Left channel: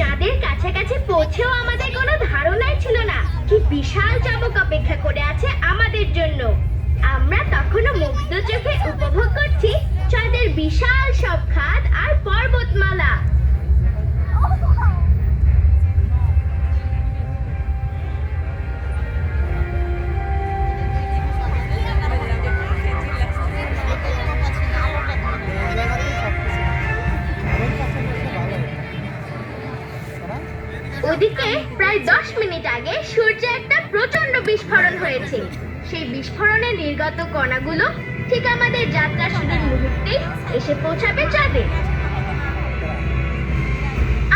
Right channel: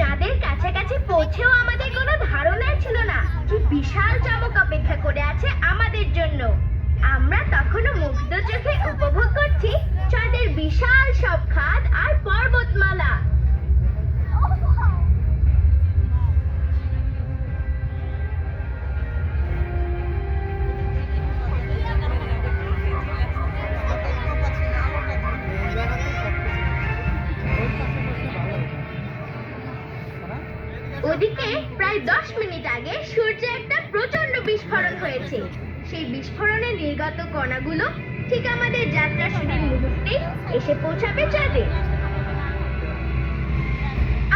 চাঁদের কাছাকাছি পৌঁছেও আমাদের কোনো ধারণাই ছিল না, কি বিশাল চমক অপেক্ষা করে আছে আমাদের জন্য। আমরা তখনও ওদিকে প্রায় দশ মিনিট আগে সূর্যে একটা প্রচণ্ড বিস্ফোরণ হয়েছে। সেই বিস্ফোরণে নির্গত কণাগুলো ঠিক আমাদের যাত্রা শুরুর মুহূর্তেই এসে পৌঁছাবে চাঁদে।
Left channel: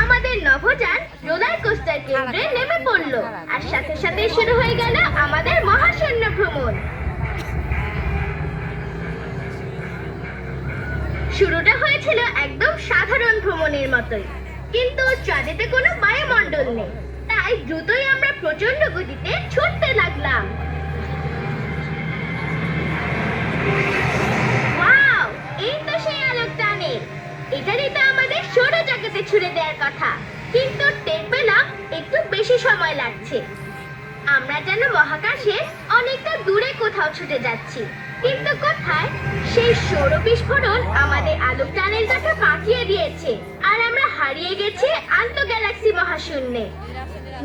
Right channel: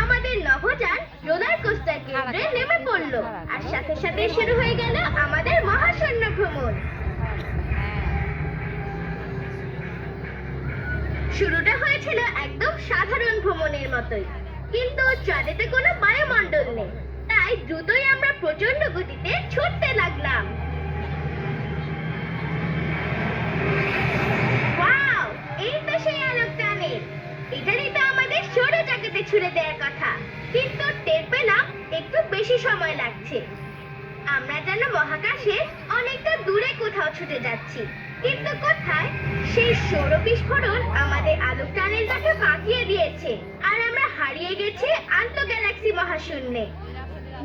আমাদের নভোযান রোলার কোস্টার কেন্দ্রে নেমে পড়ল আর সাথে সাথে শুরু হয়ে গেল আমাদের মহাশূন্য ভ্রমণ। শুরুটা হয়েছিল একদম সাধারণ ভ্রমণের মতোই। কিন্তু চাঁদেতে কোনো বায়ুমণ্ডল নেই। তাই দ্রুতই আমরা প্রচণ্ড গতিতে ছুটতে লাগলাম। ওয়াও, এই তো সেই আলোক সৌরজগতে ছুড়ে দেওয়ার কথা। কিন্তু টের পেলাম একটু বেশি সময় লাগছে। আমরা যেন মহাকাশে অনেকটা দূরে কোথাও ছুটে যাচ্ছি। কিন্তু কোথায়? সেই সৌর বিস্ফোরণ আমাদের আলোক টানেলটাকে বাঁকিয়ে দিয়েছে। আর আমরা হারিয়ে গেছি আন্ত গ্যালাক্সি মহাশূন্যে।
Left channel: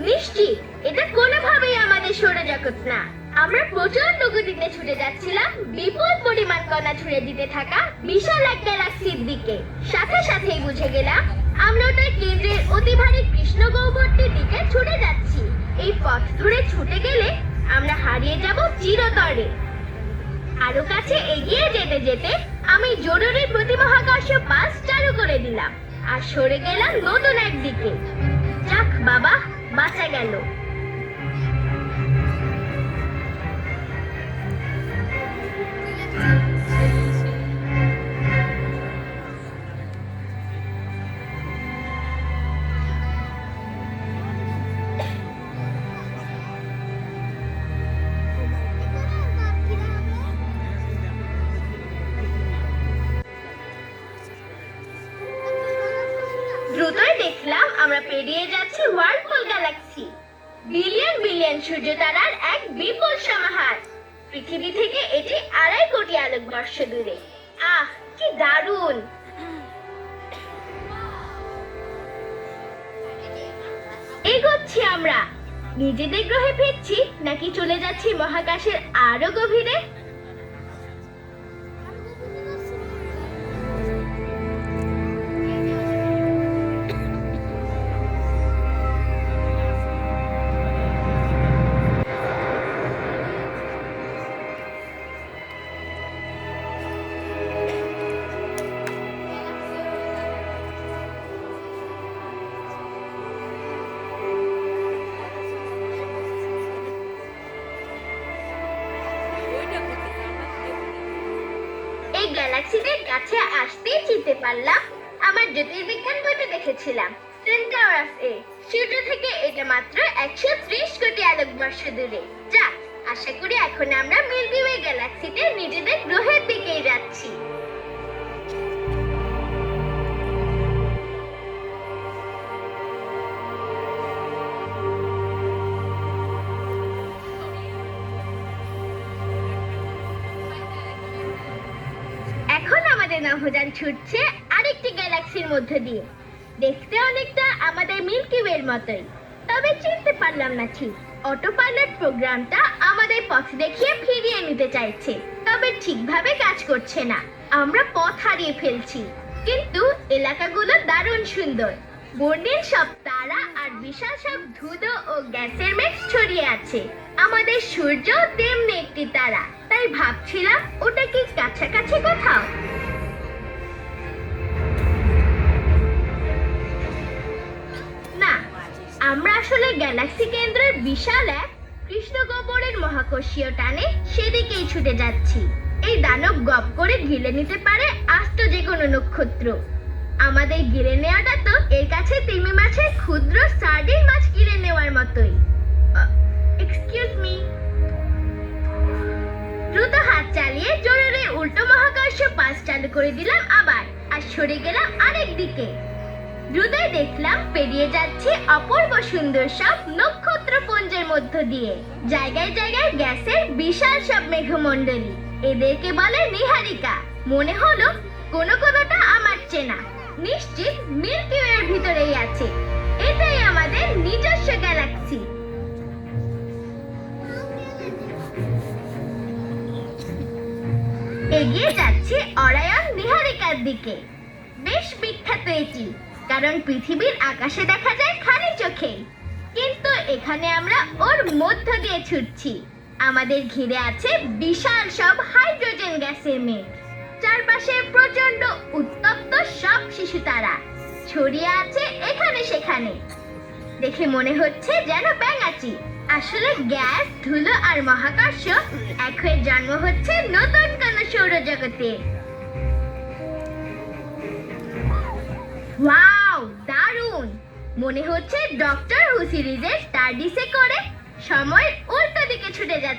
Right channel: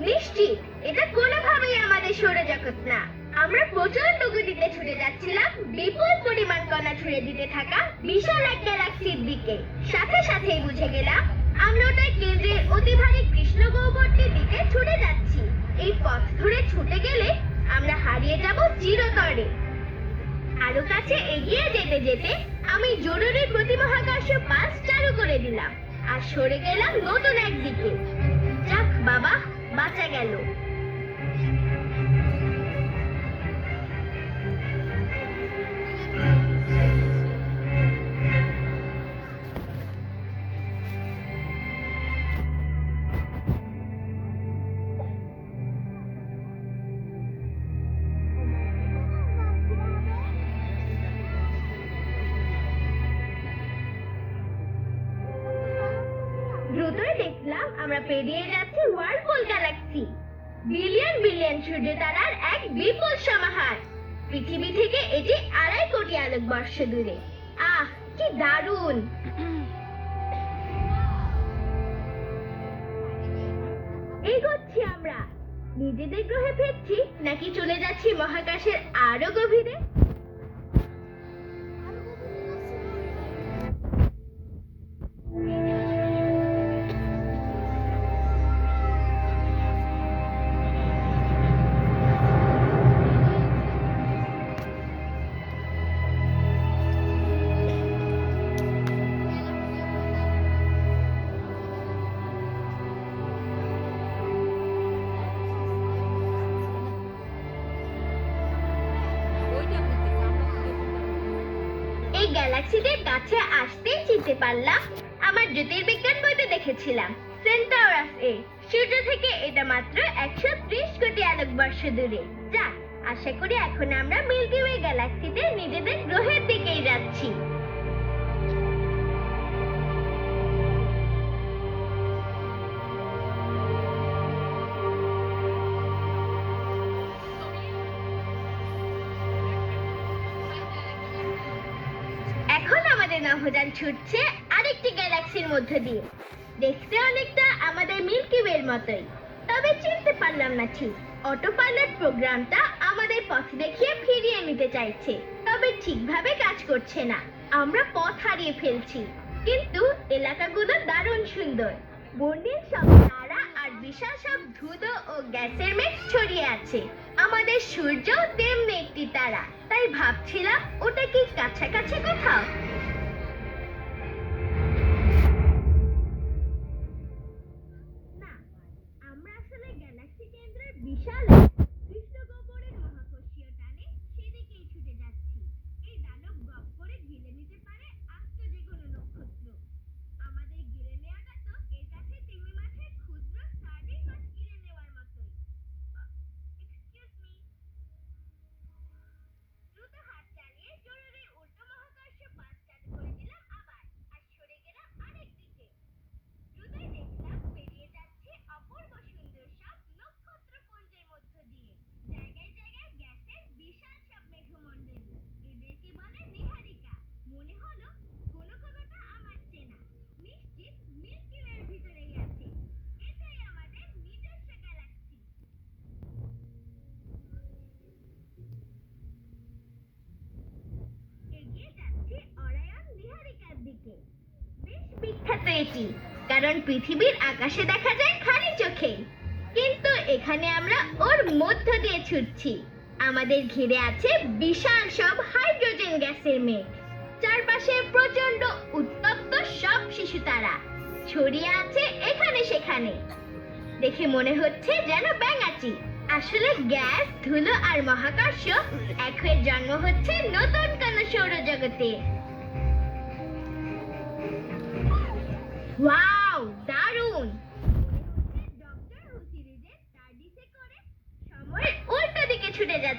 নিশ্চিত, এটা কোনোভাবেই আমাদের সৌরজগৎ না। আমরা প্রচণ্ড গতিতে ছুটে যাচ্ছিলাম, বিপুল পরিমাণ কণা ছুড়ে দিতে থাকা বিশাল এক গ্যালাক্সির দিকে। সাথে সাথেই বুঝে গেলাম, আমরা ওটার কেন্দ্রের অতি ভারী কৃষ্ণ গহ্বরটির দিকে ছুটে যাচ্ছি। এই পথ ধরে ছুটে গেলে আমরা হারিয়ে যাব চিরতরে। আরও কাছে এগিয়ে যেতে যেতে আমি জরুরি প্রতিমহাকর্ষ পাস চালু করে দিলাম। আর সরে গেলাম নতুন একদিকে যাক বাবা বাঁচা গেল। দ্রুতই দেখলাম আমরা পেরিয়ে যাচ্ছি ওয়ার্লপুল গ্যালাক্সি বিলিয়ন বিলিয়ন সূর্য তারার এক বিপুল সমাহার। পৃথিবী থেকে এটি আড়াই কোটি আলোকবর্ষ দূরে। আহ, কি দারুণ! এগোচ্ছি আমরা। নিজেদের গ্রহে ফিরছি নাকি চলে যাচ্ছি মহাকাশের আরও গভীরে? এই গ্যালাক্সিদের কাছে আসতেই চিনতে পারলাম, আমার জ্যোতির্বিজ্ঞান বইতে দেখেছিলাম সেন্টার অফ এ সূর্য থেকে এটা মাত্র একশো ত্রিশ কোটি আলোক বর্ষ দূরে। যাক, আশা করি এখন আমরা মিল্কি ওয়ে গ্যালাক্সিতে নিজেদের গ্রহের দিকেই যাচ্ছি। আমাদের ছুটছে আরেকটি গ্যালাক্সির মধ্য দিয়ে। দেখতে অনেকটা আমাদের মিল্কি ওয়ের মতোই, তবে চিনতে পারলাম না ঠিক। অটো পাইলট প্রোগ্রামটা আমাদের পথ দেখিয়ে ফিরিয়ে নিতে চাইছে, তবে ঠিকভাবে কাজ করছে না। আমরা পথ হারিয়ে ফেলছি, কিন্তু এলাকাগুলো দারুণ সুন্দর। বর্ণিল সব তারা আর বিশাল সব ধুধো ও গ্যাসের মেঘ ছড়িয়ে আছে। আমাদের সূর্য তেমনি একটি তারা, তাই ভাবছিলাম ওটা কি কাছাকাছি কোথাও? আমরা আসলে গ্যালাক্সি কেন্দ্রের বিশাল এক কৃষ্ণগহ্বরের মহাকর্ষীয় টানে সেদিকেই ছুটে যাচ্ছি। এই দানব গপ করে গিলে নিতে পারে আস্ত যে কোনো নক্ষত্র। আমাদের গিলে নেওয়াটা তো এর কাছে তিমি মাছের ক্ষুদ্র সার্ডিন মাছ গিলে নেওয়ার মতোই। এক্সকিউজ মি দ্রুত হাত চালিয়ে জরুরি উল্টো মহাকর্ষ পাস চালু করে দিলাম আবার, আর সরে গেলাম আরেক দিকে। দ্রুতই দেখলাম পেরিয়ে যাচ্ছে অপূর্ব সুন্দর সব নক্ষত্রপুঞ্জের মধ্য দিয়ে। জায়গায় জায়গায় গ্যাসের বিশাল সব মেঘমণ্ডলী। এদেরকে বলে নিহারিকা। মনে হলো কোনো কোনোটা আমার চেনা। নিশ্চিত মিল্কি ওয়ের ভিতরেই আছে। এটাই আমাদের নিজস্ব গ্যালাক্সি। এগিয়ে যাচ্ছে অরায়ন নিহারিকার দিকে। বেশ বিখ্যাত এটি। কারণ পৃথিবীর আকাশে দেখা যায় খালি চোখে। কিন্তু এখানে আমরা ওর মধ্য দিয়ে ছুটছি। আমাদের ঘিরে আছে বিশাল সব হাইড্রোজেন গ্যাসের মেঘ। চারপাশে প্রচণ্ড উত্তপ্ত সব শিশু তারা ছড়িয়ে আছে এখানে সেখানে। দেখে মনে হচ্ছে যেন ব্যাঙাচি। আসলে গ্যাস, ধুলো আর মহাকাশ এক হয়ে জন্ম হচ্ছে নতুন কোন সৌরজগতে। দারুণ মনে হচ্ছে ডক্টর হু সিরিজের টার্ডিসে করে। সময় উল্টো দিকে ছুটে যাচ্ছে।